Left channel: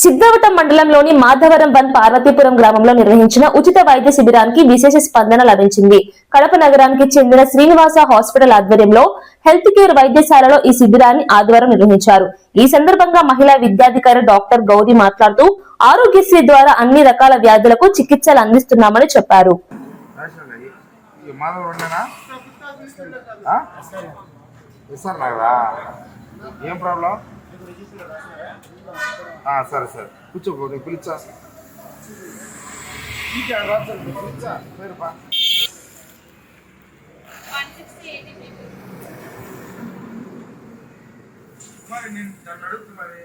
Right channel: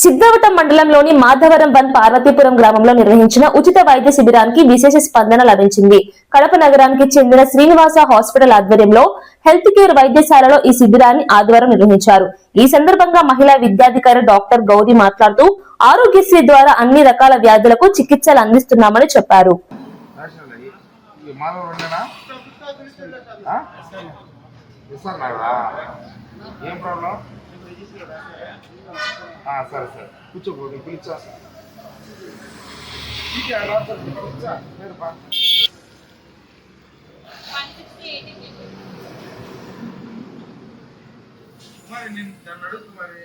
సిద్ధవటం మండలంలోని మాధవరం బంద్ పార్వతీపురం గ్రామంలో నిర్వహించిన ఉచిత వైద్య శిబిరానికి విశేష స్పందన లభించింది. కడప నగరానికి చెందిన శ్రీనివాస హాస్పిటల్ ఆధ్వర్యంలో హెల్త్ కేర్ వైద్యశాలలో ఈ శిబిరాన్ని ఆదివారం నిర్వహించారు. ఈ సందర్భంగా మహిళా విద్యాధికారి డాక్టర్ గౌరీ మాట్లాడుతూ ఆరోగ్యశ్రీ ద్వారా అన్ని రకాల వ్యాధులకు చికిత్సలు అందిస్తున్నామని చెప్పారు. సరే సార్ కూర్చోబోదు పిలిచా మరి నేను నన్ను అడుగు మరి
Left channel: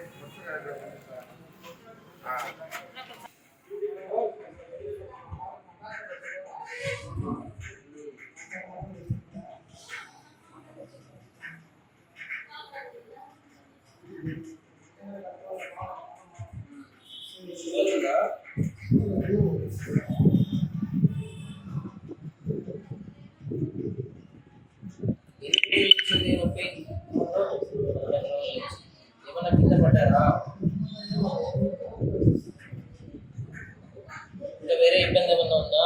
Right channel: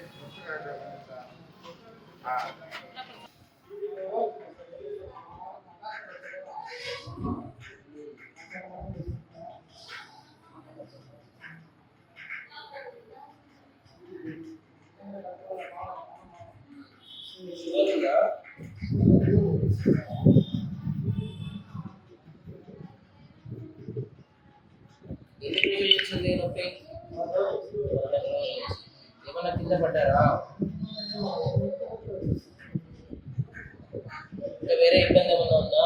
ఏమన్నా కింద పడ్డారా? ఇంకా వేరే ఇబ్బంది ఏమన్నా ఉందా?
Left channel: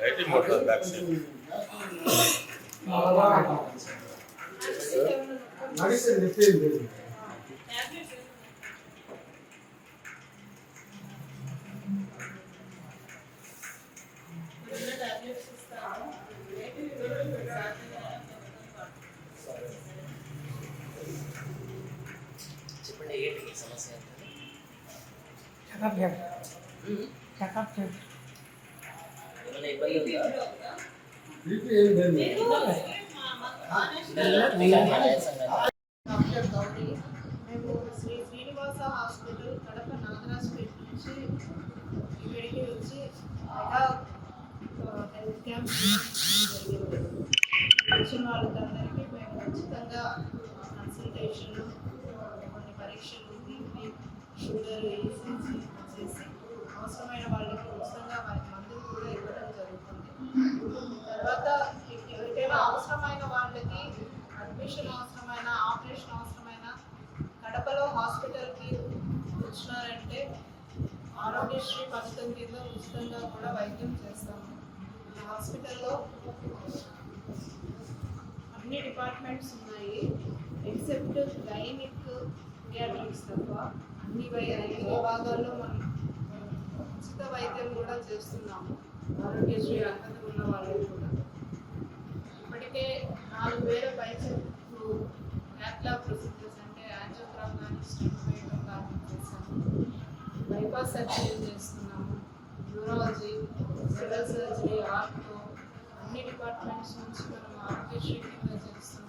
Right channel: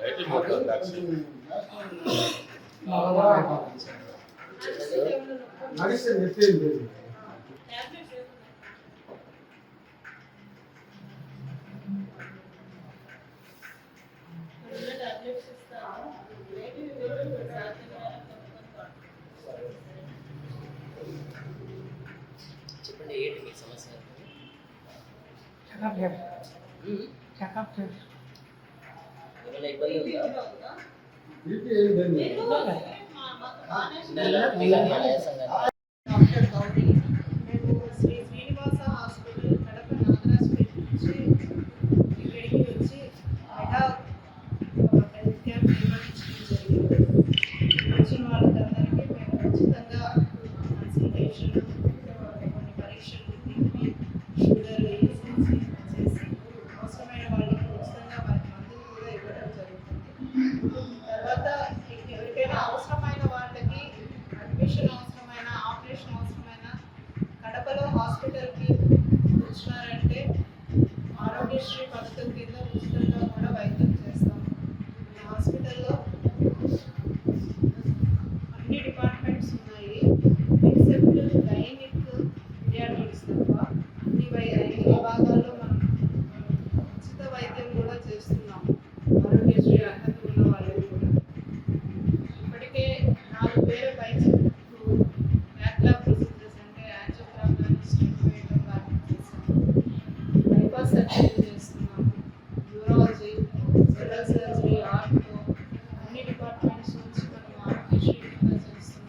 Lighting motor back side medicine నిత్యం చెప్పండి, ఏంటి మీ సమస్య? ఏమైనా ఇబ్బంది ఉందా? డాక్టర్ గౌరీ, మేము శ్రీ శ్రీనివాస హాస్పిటల్ కడప నాగరాజ్పేట నుంచి ఇక్కడికి వచ్చి మెగా హెల్త్ క్యాంప్ జరిగింది. వచ్చిన వాళ్ళందరికీ మేము ఉచితంగా కన్సల్టేషన్, కొన్ని పరీక్షలు, బీపీ, షుగర్, ఈసీజీ చేసి అవసరమైన వాళ్ళకి ఉచితంగా వారి మందులు కూడా ఇవ్వడం జరుగుతుంది. తర్వాత ఎవరికైనా అవసరమైన వాళ్ళకి అడ్మిషన్ అవసరమైన, ఆపరేషన్ అవసరమైన కడపలో హాస్పిటల్కి వచ్చినారంటే ఆరోగ్యశ్రీ పథకం కింద ఉచితంగా కూడా వైద్యం చేస్తాము. ఈ హాస్పిటల్లో అన్ని డిపార్ట్మెంట్స్ ఉన్నాయి, ఎక్సెప్ట్ గైనిక్, పీడియాట్రిక్స్ తప్ప అన్ని విభాగాల్లో మనం ఉచిత వైద్యం కూడా చేస్తున్నాము. ఆరోగ్యశ్రీ అర్హత ఉన్న వాళ్ళకి కూడా ఇప్పటికే 4,000 పైసలు బ్యాక్లాగ్ ప్రొసీజర్స్ అంటే యాంజియోగ్రామ్ కానీ, స్టెంట్ వేయడం కానీ చేస్తాము. బైపాస్ సర్జరీ చేస్తున్నాము. న్యూరాలజీ, జనరల్ సర్జరీ, ఆర్టో అన్ని డిపార్ట్మెంట్స్ నుంచి మనం ఆరోగ్యశ్రీ కింద చేస్తున్నాము.